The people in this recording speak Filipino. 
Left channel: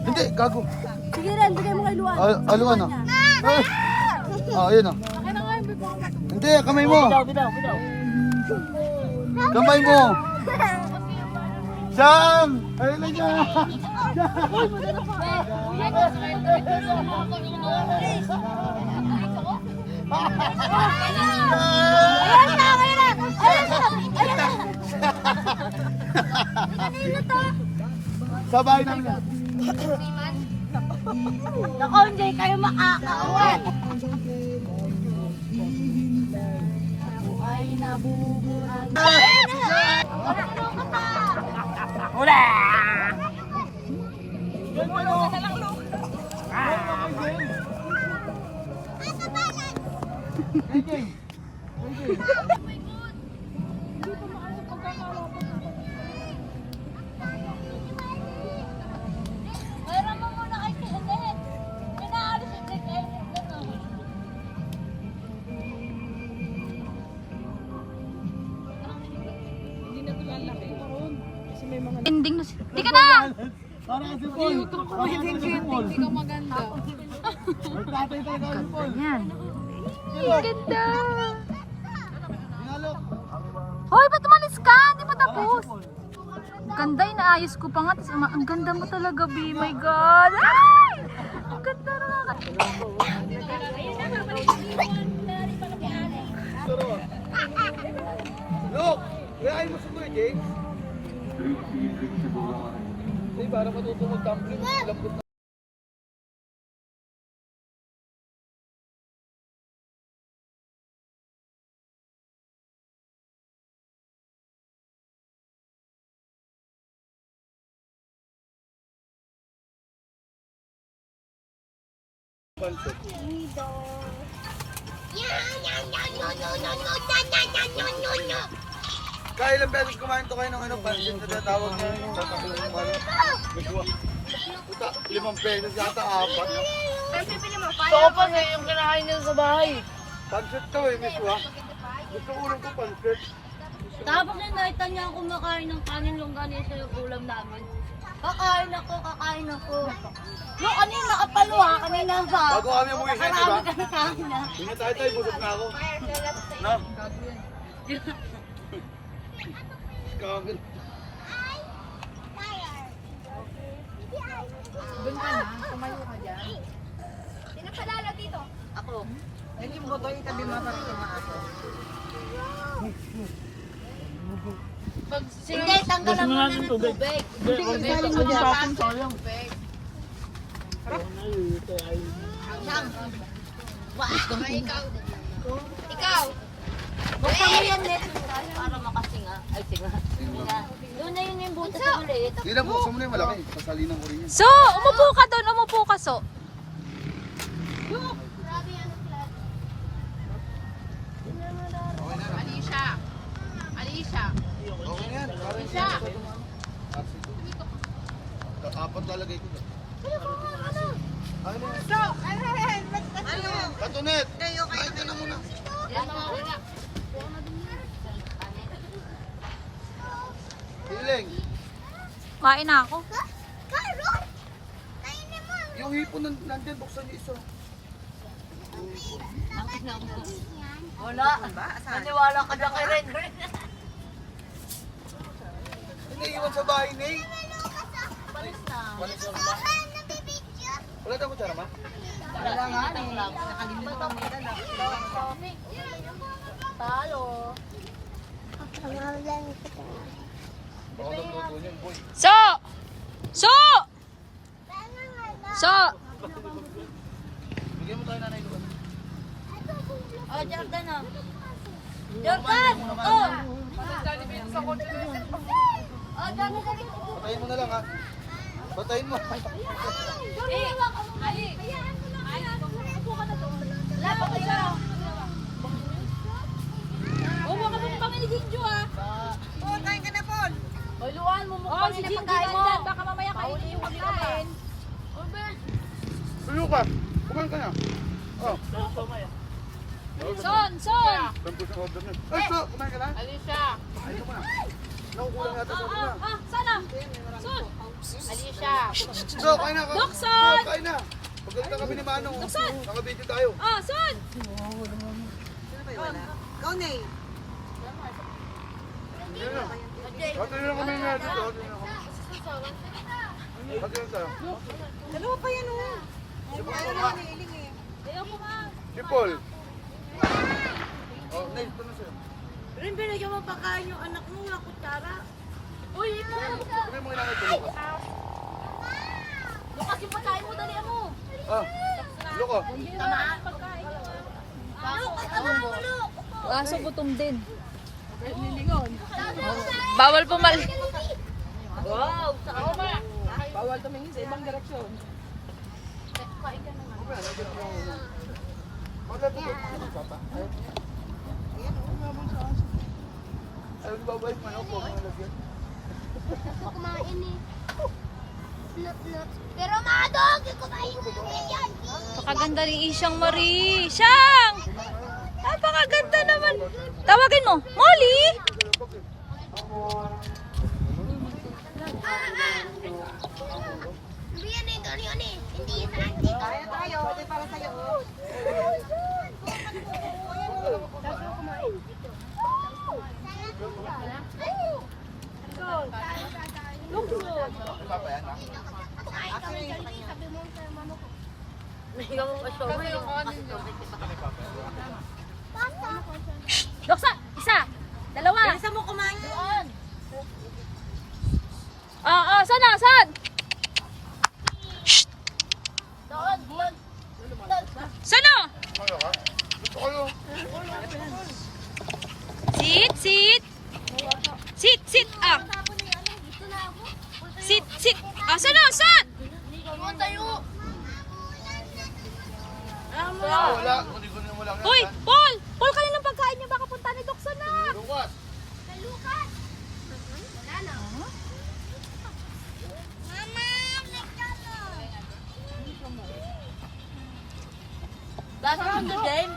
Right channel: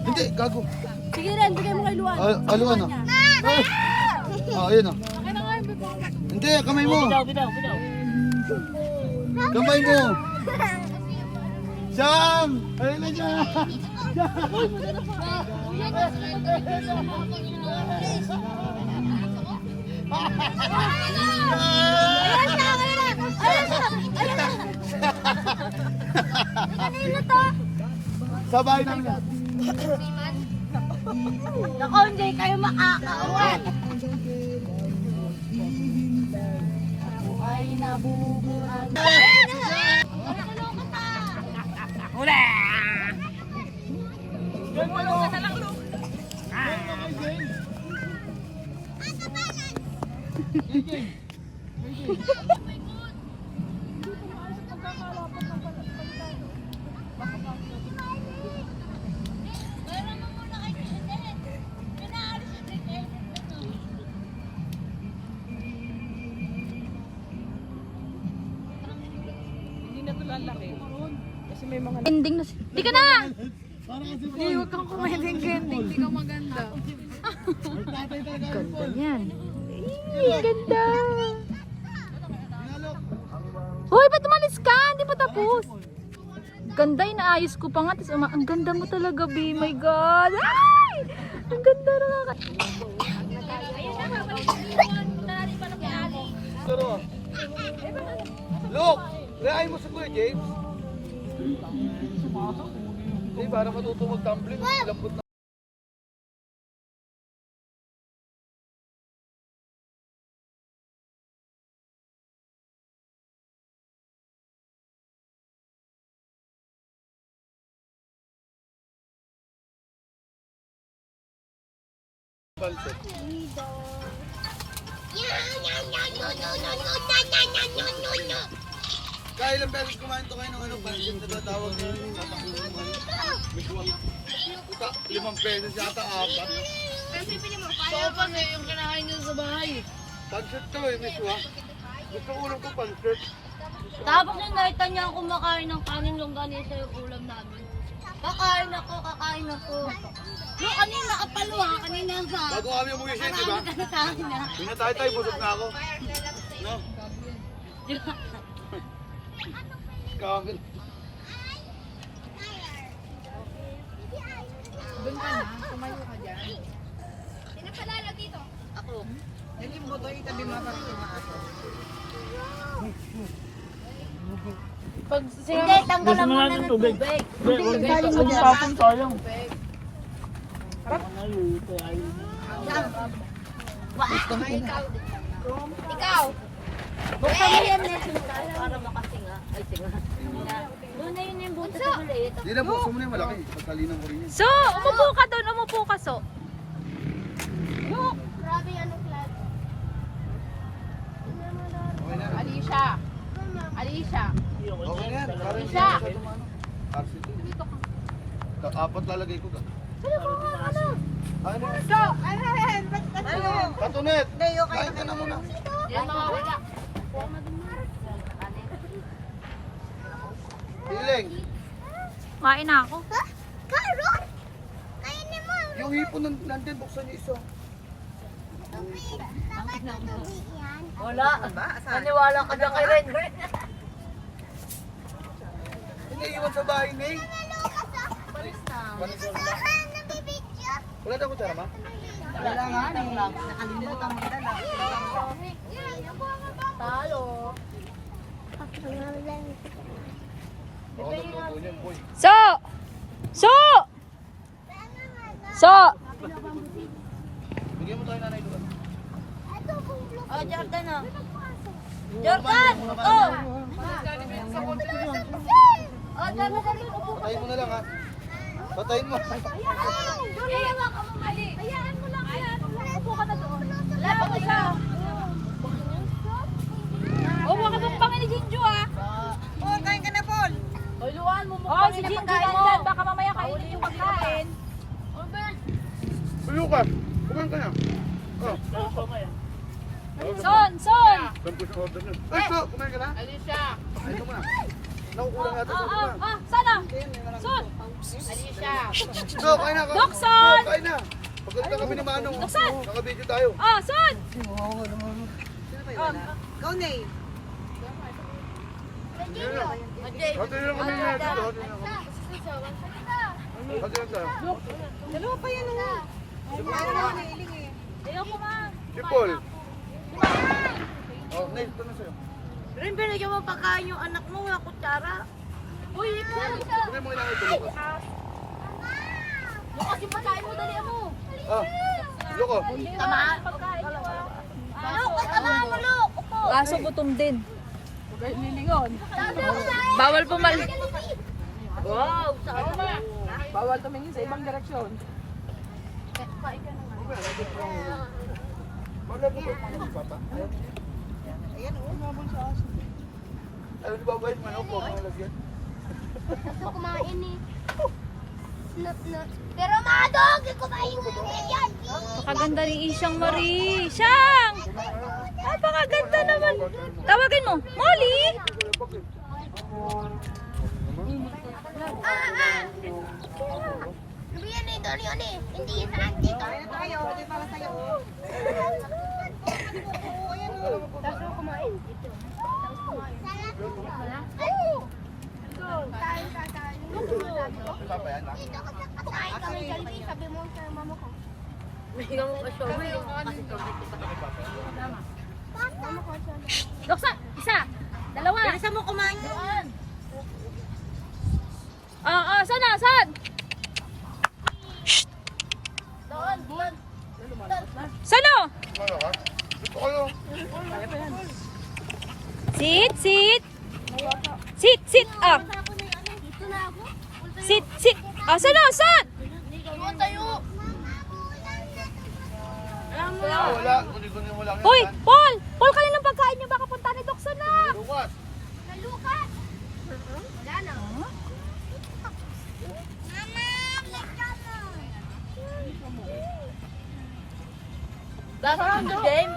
Hindi, gago. Sige rin, bigay mo kay Luan. Aluan ah. Ayun ah. Hindi, kamay mo. Kamay mo. Jam! Ayun na dyan. Uy, madara pa. Kanina to. Sa bahay namin. Naku, hindi kayo makakauwan. Ay, nabubuhan. Hula! Gumulong ka na lang, Lu. Ending na siya. Di ka na! Para kasi Paul. Hindi ka maganda. Nagtatay talaga si Paul. Yan. Ay, ganda! Inalok. Hoy, ba't umalis ka? Hindi pa tapos. Ganda, inaayos ko pa nga. Tapos, ang ganda mo talaga, B. My God! Ay! Ang ganda na nga. Saro. Look! Rehay mo sa Kuya James. Hindi, parang matutulog tumbling. Lambot na. Pansit. Kaya ilang beses kumain to kayo ng ano, pansit na tinatawag mo yung tatakbo ng ano. Puta, 5 pesos yata, 4. Ito pa na yung kinakain nila sa bahay. Pansit to eh, miss wa. Gusto ko ulam ko pansit. Tapos yung nakita niya ako kumakain ng kanin longganisa yung ulam namin. Kakain ako. No, kanina kapalo ha, kanina pa. Bago kami umuwi siya, di ba? Marami ka na kain na. Hindi tayo, busog na ako. Na? Kagod. Doon ka na, tumayo ka dyan. Pinapalala dito. Ako. Yan yung boto itabi mo sa ako. Hindi, tanggalan mo na ng tubig. Saling mo dyan. Ikaw. Buksan mo yan, Net, para makasinga. Ay, singa. Doon na yun yung butas sa ulit. Hindi na, buksan mo na yung malaki. Sasalinan ko rin yun. So, umupo ka doon, umupo ka, So. Grabe ano flat. Okay na. Alicia. Okay na yan. Alicia. Apat lalagay ko ba? Katunet! Kain ka na muna. Hiling. Kain na ako. Karon! Kainin mo! Yung hipon nandun, buksan niyo isa. Wala. Naniwala ka na kay Ren. Iniiwan sa bahay, Ney. Palis na. Wala daw ko tara ma? Wala nga, nakalimutan mo dala. Talo. Baka nagluto niyan, boy. So! Bigyan mo tayo nanay doon. Oh, Jordan na. Jordan! Oh! Oh, Jordan, dali upo. Patayin mo na lang ha. Patayin mo. Jordan, hawak ka mo mali. Hayaan mo lang yan. Upo ka na doon. Wala, patay ka. Huwag mo kapagpangin ni Jinjo ah. Oh, kain ka na, Paul. Hoy, Luan, mumukbangin na pagkain mo. Baka mamaya kain yung huli ka pa. Lucas, kumain ka na. Oh. Son! Son! Tampos ang order na. Ay, so, kumain ka na? Alisa. Pakain ka muna. Nakukulang yata sa order na. Sana! Son! Alisa. So, kain na. Dokson! So, kain na. Pagkanta kami ni Manong. Naka-video tayo. Son! Sino ba yung wala? Go, Nay. Yan na. Hati lang kami nga dito. Hati lang kami. Hati lang tayo. Dalawa pa yan, oh. Si Paul Ayaw nga. naman ni Iling, eh. Si Paul. Oh, Nate, ito na sa'yo. Rin, binigyan mo pagkain yung anak mo, nga kutsara. Uy, Sabi mo kailangan ito, Lucas. Lukas yung pagkain mo, dali mo. Ah, Luko. Tama. Lukas, tama mo, Luk. Upo. Kaso gutom din. Bawal pumali. Wow, saka naman. Bawal tumingin sa ibang direksyon. Kain ka na nga. Okay, nandiyan pa yung... Maglabutot mo na, Papa. Ayaw. Ayaw, babait mo yun. Kumain eh. Pero madog, kumain mo yan. Pakaganda ni Isyang Marie. Siyang! Ay, pakaganda naman. Tawagin mo, Molly! Sabi yan eh, Dori yun eh. Hindi yan sa auntie. Tayo, tayo. Ito para sa'yo, oh. Tapos mo kumain. Papa yan, ha? Kumain kami Jollibee, sabi mo sa mama ko. Bigyan mo pa sobrang yung kasi sobrang kita. Mama ko sa Doksa, isa, dalawa. Bilisan mo kumain doon. Sana, saan? Doon. Sano? Kumalo ka? Dito kayo. Sit, sit. Sit, sit up. Dito na ako. Sit, sit. Sano, saan? Doon tayo. Wala. Kundi-kundi mo lang yan. Paul, Dan. Paul. Paul, kanina ng pagkain niyo. Baka punta ni Doksa na. Lucas. Kalukas. Wala na. Mama, let's go. Last round the game.